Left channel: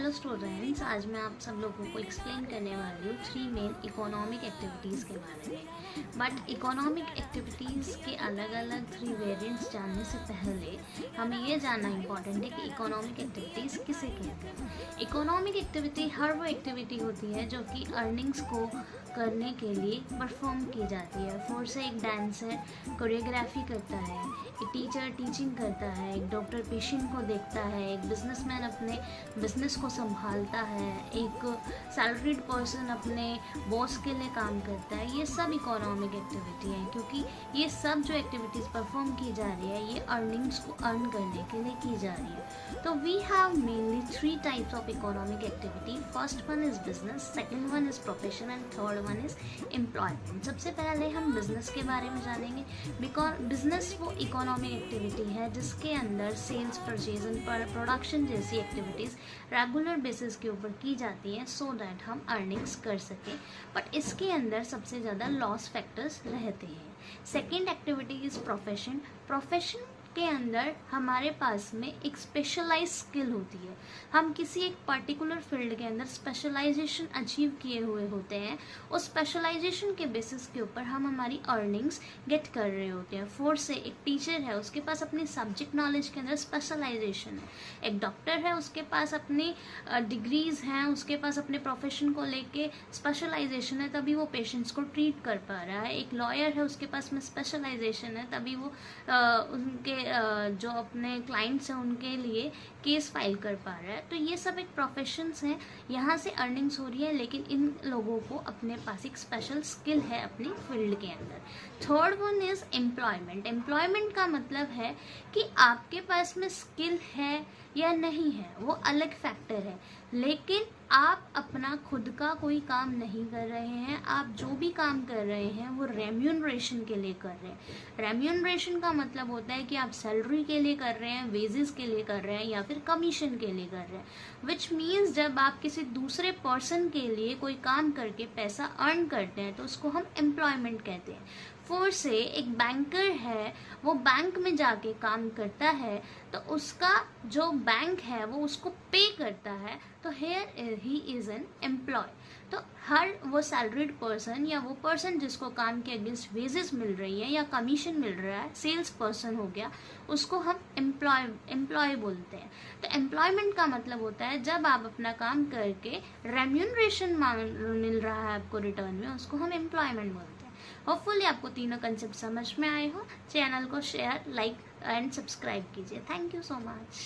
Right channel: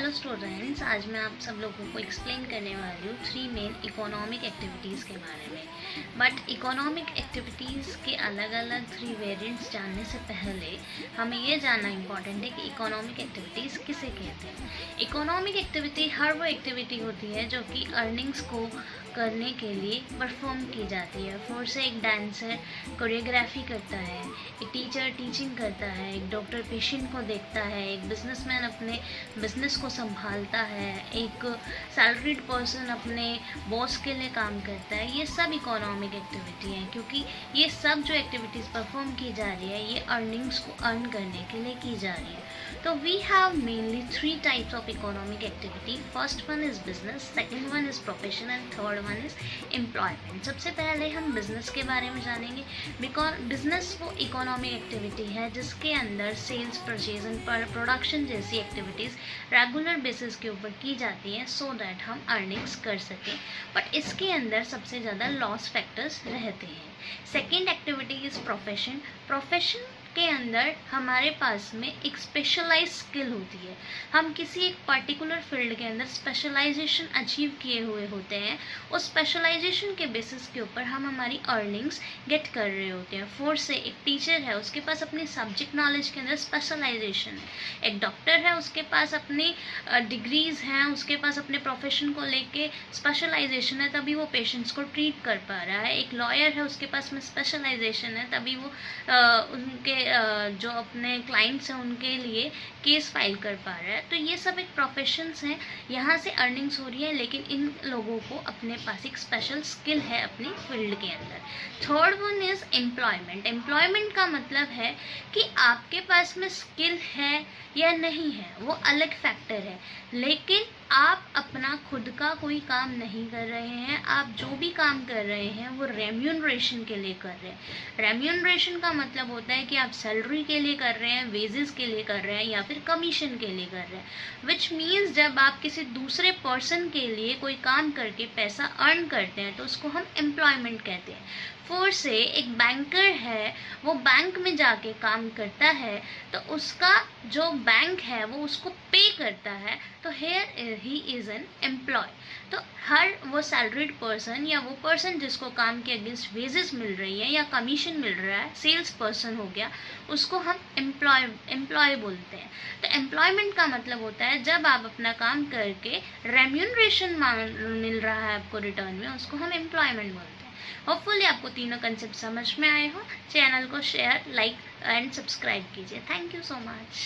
Hello students, आज मैं आप सब लोगों को एक्सप्लेन करने वाली हूँ 3 मेन इकोनॉमिक एक्टिविटीज़ के बारे में। बट इकोनॉमिक एक्टिविटीज़ के अलग अलग 3 वेरिएंट्स जानने से पहले हमें ये जानना इम्पॉर्टेंट है कि इकोनॉमिक एक्टिविटीज़ किसे कहते हैं। इकोनॉमिक एक्टिविटी हर वो एक्टिविटी होती है जो कि अर्निंग्स को करने के लिए परफॉर्म की जाती है। फॉर से एक डांसर कोरियोग्राफी करता है, एक टीचर टीचिंग करता है, एक डॉक्टर पेशेंट को देखता है, एक बिजनेसमैन अपने बिजनेस को संभालता है, एक सैलरीड पर्सन अपने बॉस के लिए काम करता है। ये सब इकोनॉमिक एक्टिविटी है, क्योंकि ये सब जो एक्टिविटीज़ परफॉर्म की जा रही है ये अर्निंग्स को अर्न करने के लिए की जा रही है। तो we have mainly 3 types of economic activity. First one is business, second one is profession and third one is employment. सबसे पहले हम बिजनेस के बारे में जानेंगे। बिकॉज बिजनेस वो इकोनॉमिक एक्टिविटी है जिसके अंदर सेल्स, परचेज एंड प्रोडक्शन जैसी एक्टिविटीज़ रेगुलर बेसिस के ऊपर की जाती हैं सो दैट हम अर्निंग्स कर सकें। बट इसके अंदर सबसे ज़्यादा लॉस फैक्टर्स रहते हैं। Second activity is profession. Profession के अंदर हमारे पास में एक स्पेशलाइज स्किल होती है। हम किसी एक पर्टिकुलर फील्ड के अंदर स्पेशलाइजेशन अचीव किए हुए होते हैं। उस स्पेशलाइजेशन के बेसिस के ऊपर हम हमारी अर्निंग्स गेट कर रहे होते हैं। फॉर से एक टीचर है, उसके पास अपनी सब्जेक्ट नॉलेज के अंदर स्पेशलाइजेशन है। एक डॉक्टर है, उसके पास अपनी डिग्रीज़ हैं, उसके पास अपने प्रोफेशन को लेके स्पेशलाइजेशन है, तभी वो पेशेंट्स को ट्रीट कर पा रहा है। एक लॉयर है, उसके पास में स्पेशलाइजेशन है, तभी वो उनके जो अपने क्लाइंट्स हैं उनके लिए केस फाइल कर पा रहा है। तो ये सब एक प्रोफेशंस हैं, यहाँ से अर्निंग्स हो रही है, लेकिन इन लोगों को अपने पास एक स्पेशल स्किल है अपनी फील्ड के अंदर। Third one is employment. Employment का मतलब है कि आपके पास में स्किल है या नहीं है, वो अलग फैक्टर है, लेकिन आप अपना खुद का कोई काम नहीं कर रहे हैं। आप जो भी काम कर रहे हैं वो रेम्यूनरेशन के लिए कर रहे हैं। रेम्यूनरेशन का मतलब होता है कि आप सैलरी के लिए कर रहे हैं, वेजेस के लिए कर रहे हैं या फिर कमीशन के लिए कर रहे हैं। विच मीन्स जब आप किसी दूसरे पर्सन के लिए कोई काम करके पैसा अर्न करते हैं तो उसको हम एम्प्लॉयमेंट कहते हैं। फॉर से एक बैंकर है, वो बैंक में जाके काम करता है तो उसका जो बैंक है वो उसको पे करता है, तो here he is an employee. तो हर वो सैलरीड पर्सन या वो पर्सन जिसको काम के अगेंस्ट वेजेस मिल रही है या कमीशन मिल रहा है, सेल्स पर्सन हो गया, उसको हम एम्प्लॉय बोलते हैं। तो एम्प्लॉयमेंट का मतलब होता है जब आप अपना काम करके रेम्यूनरेशन मिल रहा है आपको रिटर्न में, उसको हम एम्प्लॉयमेंट बोलते हैं। होपफुली आपको तीनों कंसेप्ट समझ में आए हो। चैनल को शेयर, लाइक एंड सब्सक्राइब कीजिए। Thank you so much.